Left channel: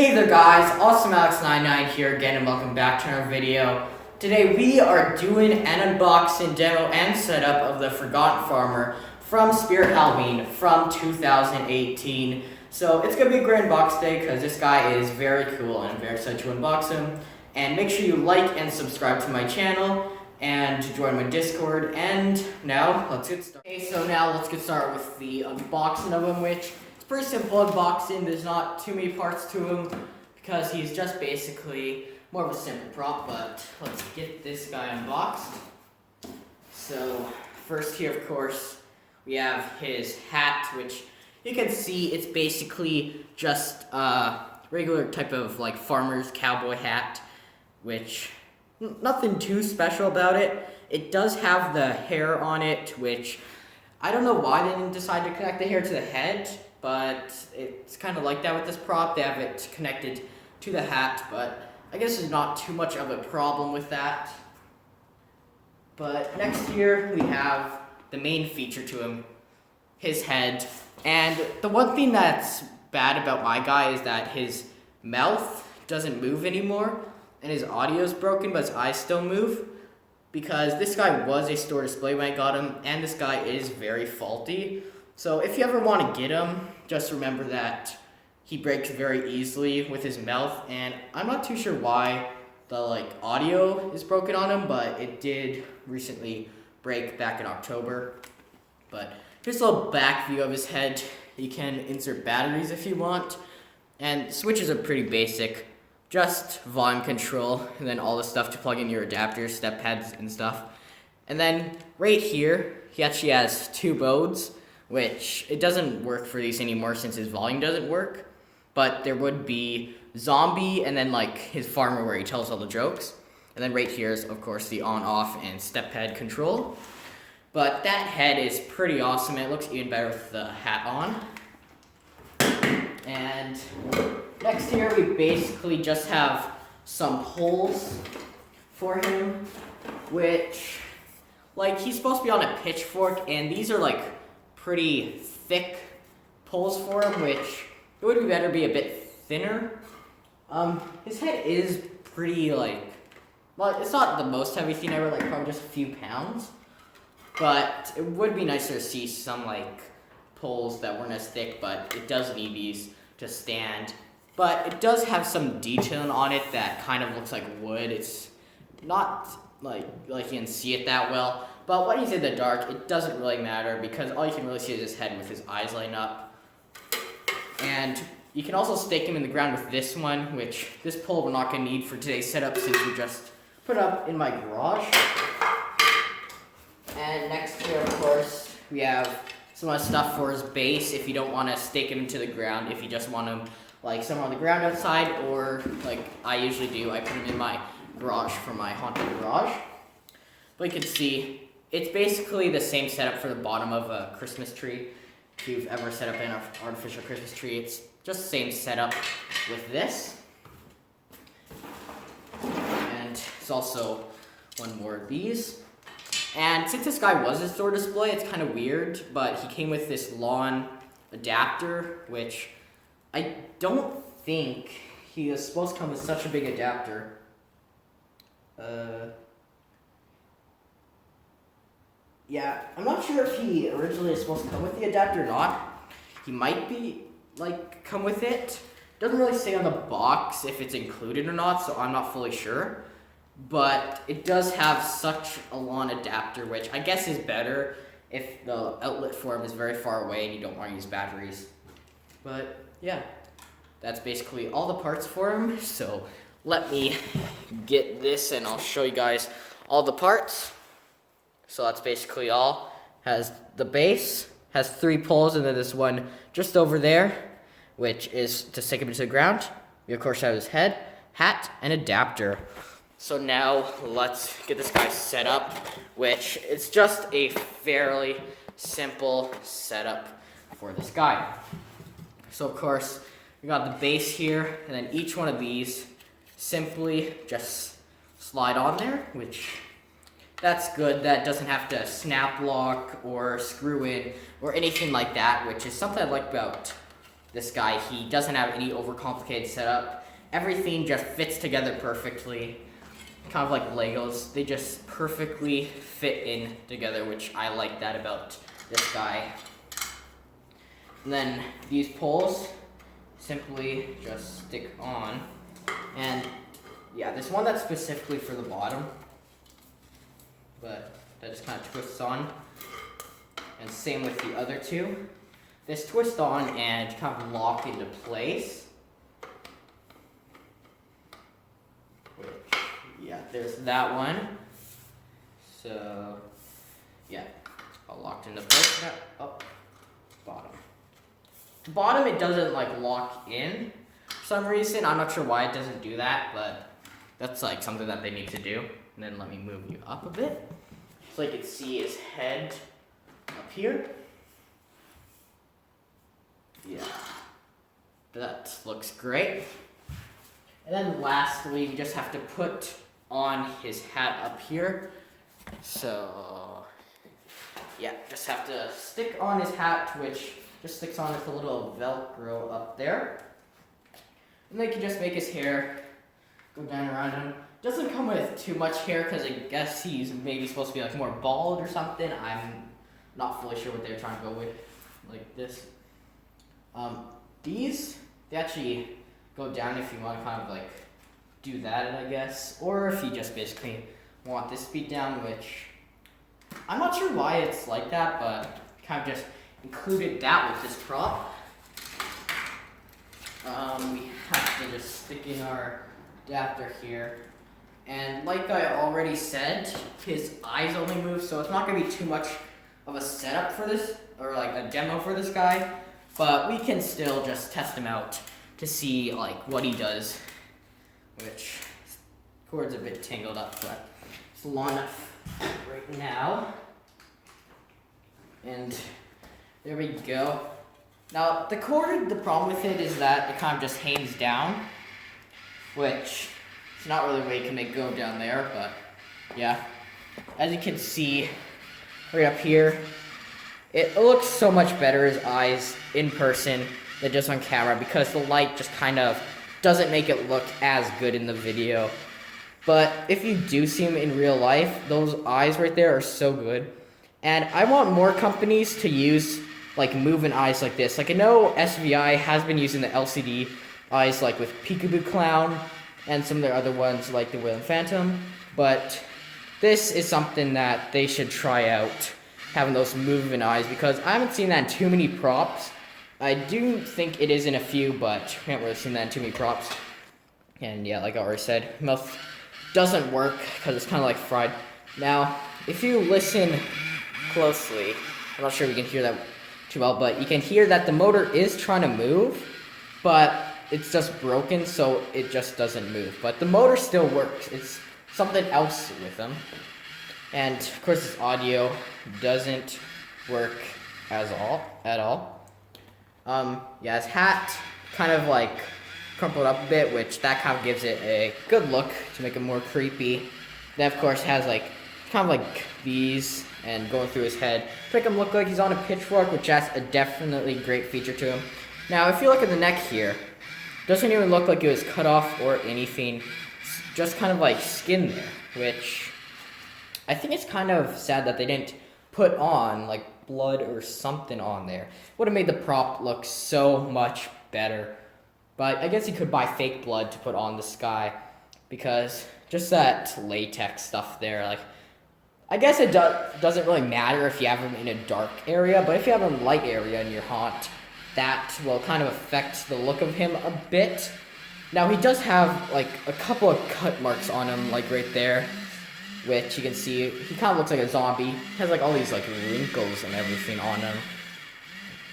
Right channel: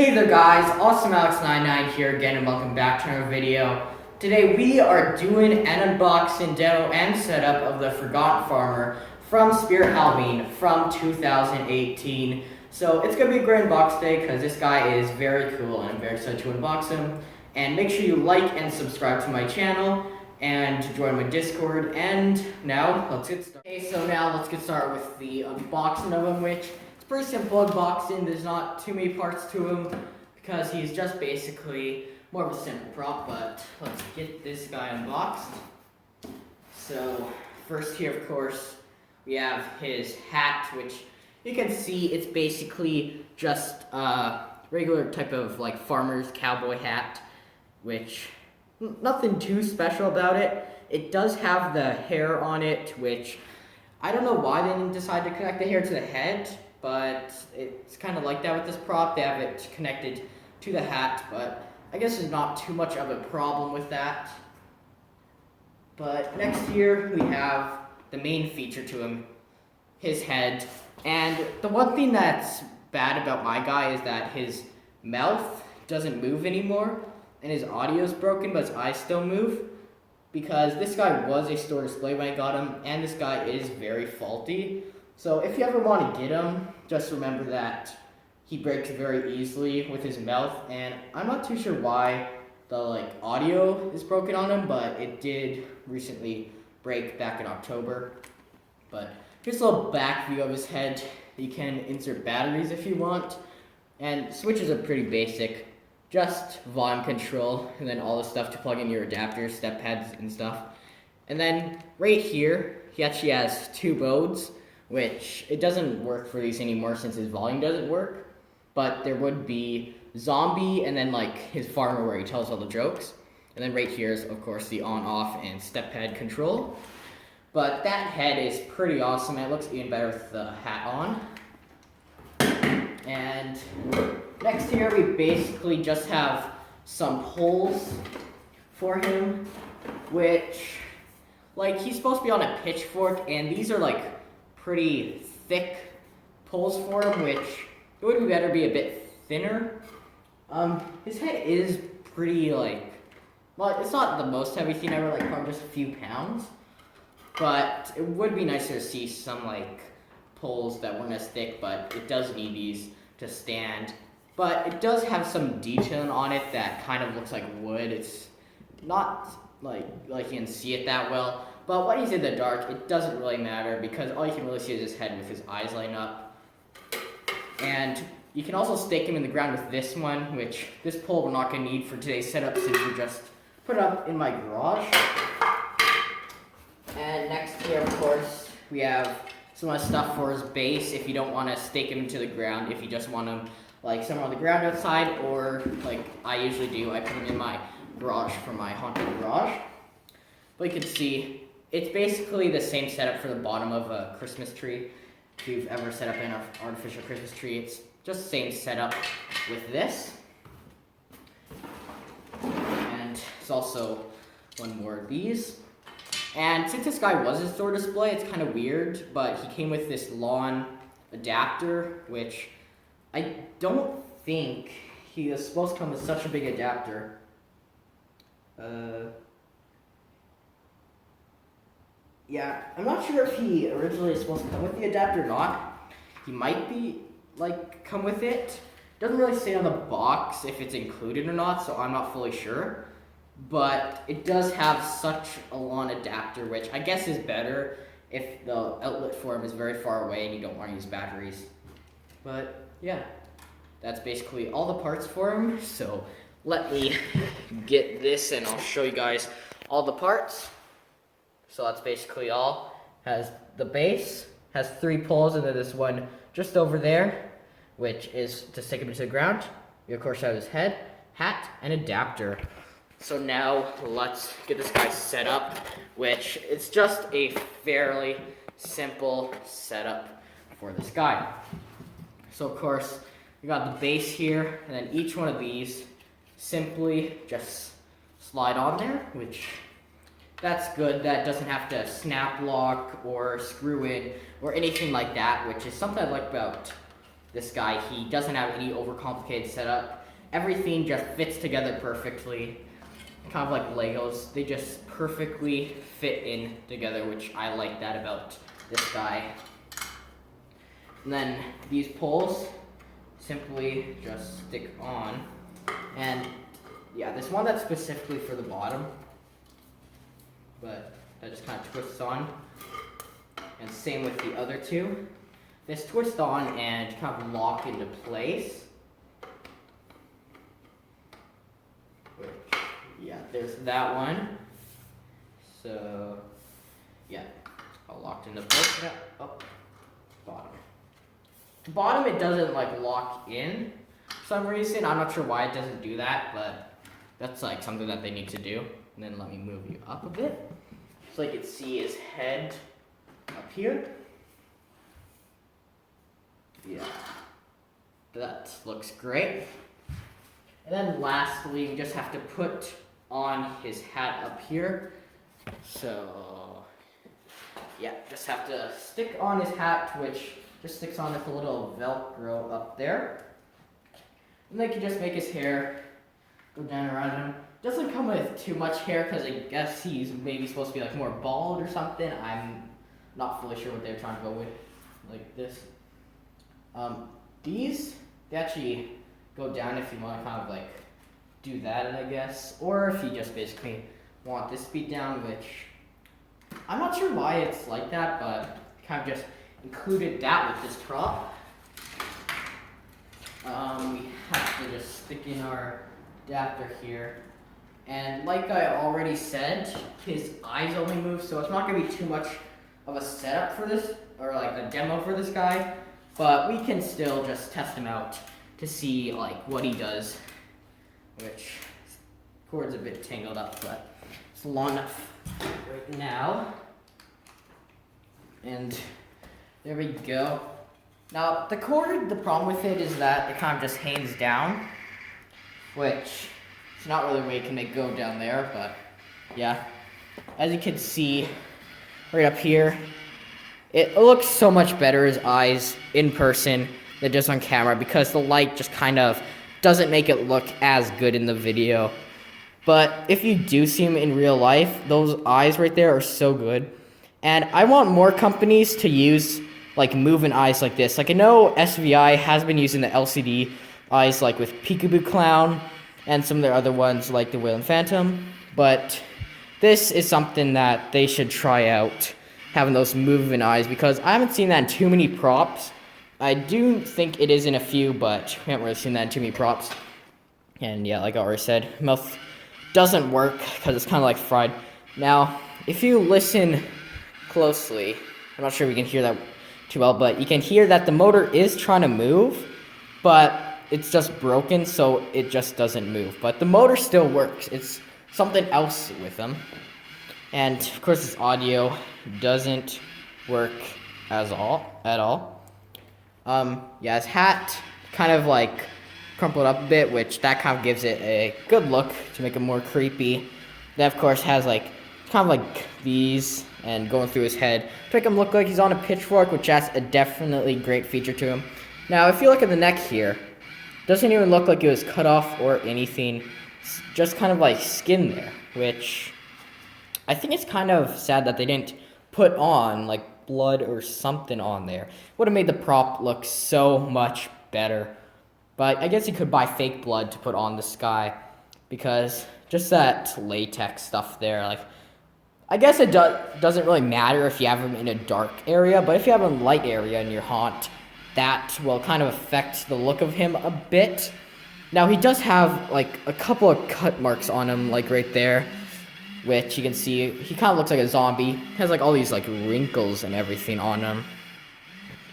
Hey there guys, AwesomeAlex99 here again and welcome back to another video. Today we are doing an unboxing, demo, and setup of the Forgotten Farmer from Spirit Halloween from 2018. So it's going to be a great unbox day because this guy is very cool and I'm very excited to unbox him. And make sure you like and subscribe to my channel and join my Discord. And now let's get started. Okay, so now let's get started with the unboxing of him, which pretty simple unboxing. There's not too many parts to him because he's just basically more of a simple prop, but let's get this guy unboxed. So first here, of course, we have his hat, which you can see it's basically just a regular type of like farmer's cowboy hat, which nothing too special about it. It does have the hair on it, which I don't know why they didn't decide to connect the hair to the head. But it's kind of like that with this prop. They have it connected to the hat, but I guess there's not too much of a problem with that. But next here we have the main feature to him, his head. And the one thing that's bad about my guy is that his mouth doesn't move anymore, and his audio is broken, but his eyes still move. Because this guy was a store display when I got him, and this guy is very faulty. So if you ever want to get him, just remember that he breaks very easily with his mouth, and I'm not too sure why the audio is broken on him, but it did recently break back in October. But here's a little back view of his head. You can insert batteries if you want, and switches are pretty basic. Just volume control, and then all the stuff to plug in your adapters, step pads, and stuff. And then right here, he actually has two modes, which it doesn't work for these anymore since his volume doesn't work. But there would be zombie and then his farmer where he tells all the jokes. And then right here is of course the on, off, and step pad control. But that head is pretty awesome. It looks even better with the hat on. And next here we basically just have some holes for him, which he's supposed to be on a pitchfork, and these are pretty thick poles for him, which it would be better be a bit thinner. His head is pretty well, it's not the most heavy thing ever, probably just a few pounds, but it would be nicer to see some poles that weren't as thick, but it does need these to stand. But it does have some detailing on it that kind of looks like wood. It's not like you can see it that well. But when he's in the dark, it doesn't really matter because all you can really see is his head with his eyes lighting up. And you can also stake him in the ground with this one, which this pole we're not going to need for today's setup since we just put it up in my garage. And next here, of course, we have some other stuff for his base if you don't want to stake him into the ground, if you just want him somewhere on the ground outside, or I usually do, I put him in my garage for my haunted garage. But you can see it's basically the same setup for the bottom of a Christmas tree. If you've ever set up an artificial Christmas tree, it's just the same setup with this. And there's also one more of these. And since this guy was a store display, it's kind of weird, but he came with this lawn adapter, which I don't think he was supposed to come with such a big adapter. Yeah, I'm not sure if he originally was supposed to come with the adapter or not. He might be, come with it. Doesn't really say on the box if it's included or not, so I'm not fully sure. But it does have such a long adapter, which I guess is better if the outlet for him is very far away and you don't want to use batteries. But, yeah, that's basically all the parts for him. So let me get this and I'll show you guys all the parts. So that's basically all. Has the base, has 3 poles, and then this one just over there, which is to stick him into the ground. We of course have his head, hat, and adapter. So now let's get this guy set up, which is just a fairly simple setup for this guy. So of course, we got the base here, and then each one of these simply just slide on there, which that's good. That doesn't have to snap lock or screw in or anything like that, which is something I like about this guy. He doesn't have any overcomplicated setup. Everything just fits together perfectly. Kind of like Legos. They just perfectly fit in together, which I like that about this guy. And then these poles simply just stick on. And yeah, there's one that's specifically for the bottom, but that just kind of twists on. And same with the other two. This twist on and kind of lock into place. Yeah, there's that one. So yeah, it's all locked into place. Up, bottom. The bottom, it doesn't like lock in for some reason. I'm not sure why it doesn't do that, but that's like something that they need to do. And then let me move you up a bit so you can see his head up here. Yeah, that looks great. And then lastly, you just have to put on his hat up here. So yeah, just have to stick on his hat, which just sticks on with a little Velcro up there. And they can just make his hair go down around him. Doesn't come with too much hair because I guess he's maybe supposed to be like more bald or something. I'm not fully sure what they're trying to go with, like this. These, they actually go down if you want to kind of like do that, I guess. Or if you just basically want this to be down, which I'm not sure why it's like that, but kind of just included that with this prop. We have to just stick in our adapter here. And like I already said, his eyes only move, so it's not going to be too much of a setup for this, or like a demo for this guy. But we can still just test him out to see like what he does, which cord's a bit tangled up, but it's long enough right now. And there we go. Now the cord, the problem with it is that it kind of just hangs down, which it's not really where you can make go down there, but yeah. As you can see right up here, it looks so much better, his eyes, in person than just on camera, because the light just kind of doesn't make it look as good in the video. But if you do see him in real life, those eyes right there are so good. And I want more companies to use like moving eyes like this. Like I know SVI has been using the LCD eyes like with Peekaboo Clown and some of their other ones like the Wailing Phantom, but this is something that they should try out, having those moving eyes, because I haven't seen that in too many props. I do think it is in a few, but I haven't really seen that in too many props. And yeah, like I already said, mouth doesn't work because it's kind of like fried. Now, if you listen closely, I'm not sure if you can hear that too well, but you can hear that the motor is trying to move, but it's just broken, so it just doesn't move. But the motor still works. It's something else with them. And of course, this audio doesn't work at all. Yeah, his hat kind of like crumpled up a bit, which that kind of gives it a good look to make it more creepy. That of course has like kind of like these and going through his head to make him look like he's on a pitchfork, which has a definitely great feature to him. Now, if you look at the neck here, doesn't even look like it was cut off or anything. It's just kind of like skin there, which I think it's kind of sad that they didn't put on like blood or something on there. Would have made the prop look so much better. But I guess you could buy fake blood to put on this guy, because just that latex stuff there, like, I guess it doesn't really matter if you have him in a dark area, but if you have him in a light area in your haunt, that will kind of affect the look of him a bit. Now, he does have like a couple of cut marks on him, like right there, which you can see he kind of looks like a zombie. He has like all these like wrinkles and everything on him,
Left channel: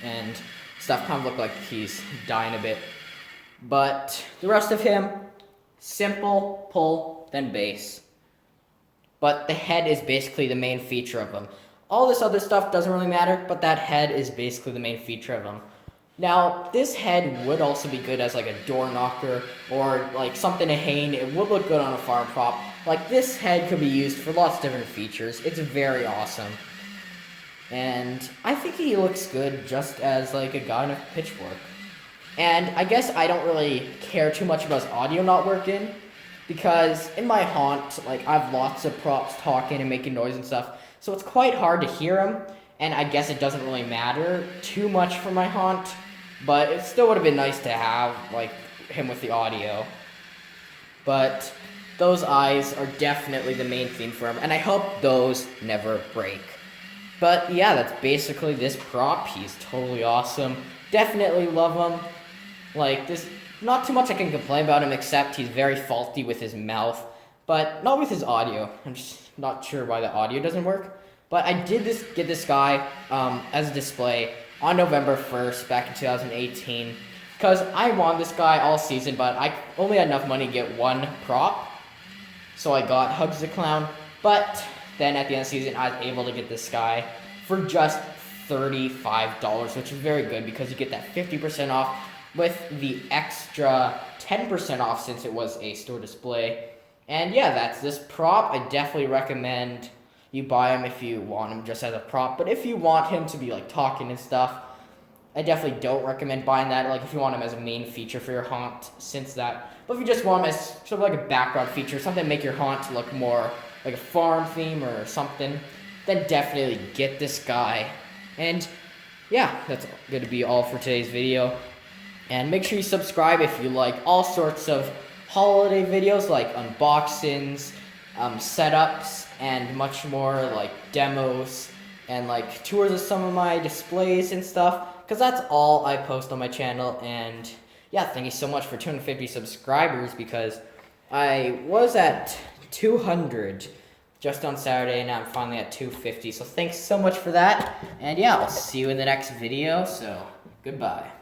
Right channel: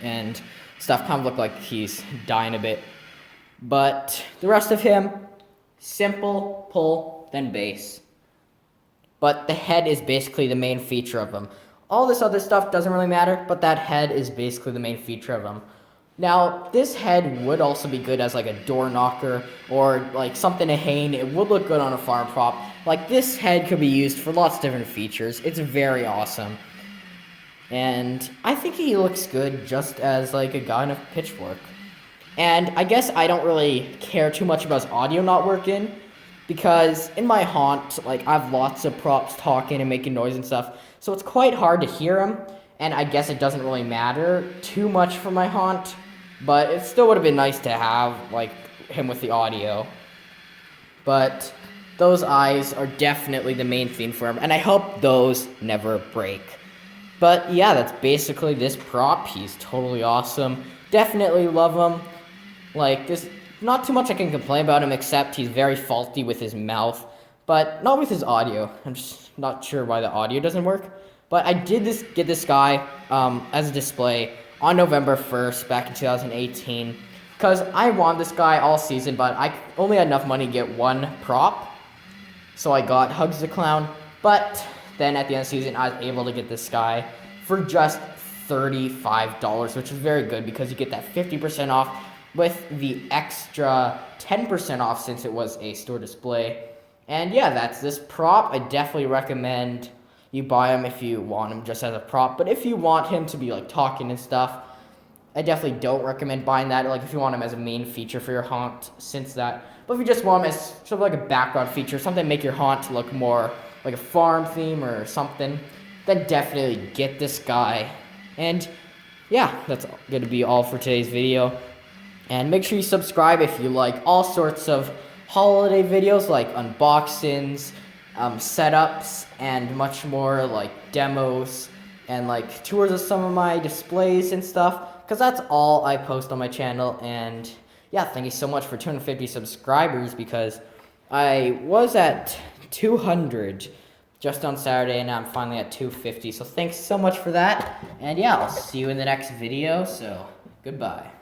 and stuff kind of look like he's dying a bit. But the rest of him, simple pull, then base. But the head is basically the main feature of him. All this other stuff doesn't really matter, but that head is basically the main feature of him. Now, this head would also be good as like a door knocker or like something to hang. It would look good on a farm prop. Like, this head could be used for lots of different features. It's very awesome. And I think he looks good just as like a guy in a pitchfork. And I guess I don't really care too much about his audio not working, because in my haunt, like, I have lots of props talking and making noise and stuff, so it's quite hard to hear him, and I guess it doesn't really matter too much for my haunt, but it still would have been nice to have, like, him with the audio. But those eyes are definitely the main theme for him, and I hope those never break. But yeah, that's basically this prop. He's totally awesome. Definitely love him. Like, there's not too much I can complain about him, except he's very faulty with his mouth, but not with his audio. I'm just not sure why the audio doesn't work. But I did get this guy as a display on November 1st back in 2018, because I wanted this guy all season, but I only had enough money to get one prop, so I got Hugs the Clown. But then at the end of the season, I was able to get this guy for just $35, which is very good because you get that 50% off with the extra 10% off since it was a store display. And yeah, that's this prop. I definitely recommend you buy him if you want him just as a prop. But if you want him to be like talking and stuff, I definitely don't recommend buying that. Like if you want him as a main feature for your haunt, since that. But if you just want him as sort of like a background feature, something to make your haunt look more like a farm theme or something, then definitely get this guy. And yeah, that's going to be all for today's video. And make sure you subscribe if you like all sorts of holiday videos like unboxings, setups, and much more, like demos and like tours of some of my displays and stuff, because that's all I post on my channel. And yeah, thank you so much for 250 subscribers, because I was at 200 just on Saturday, and now I'm finally at 250. So thanks so much for that. And yeah, I'll see you in the next video. So goodbye.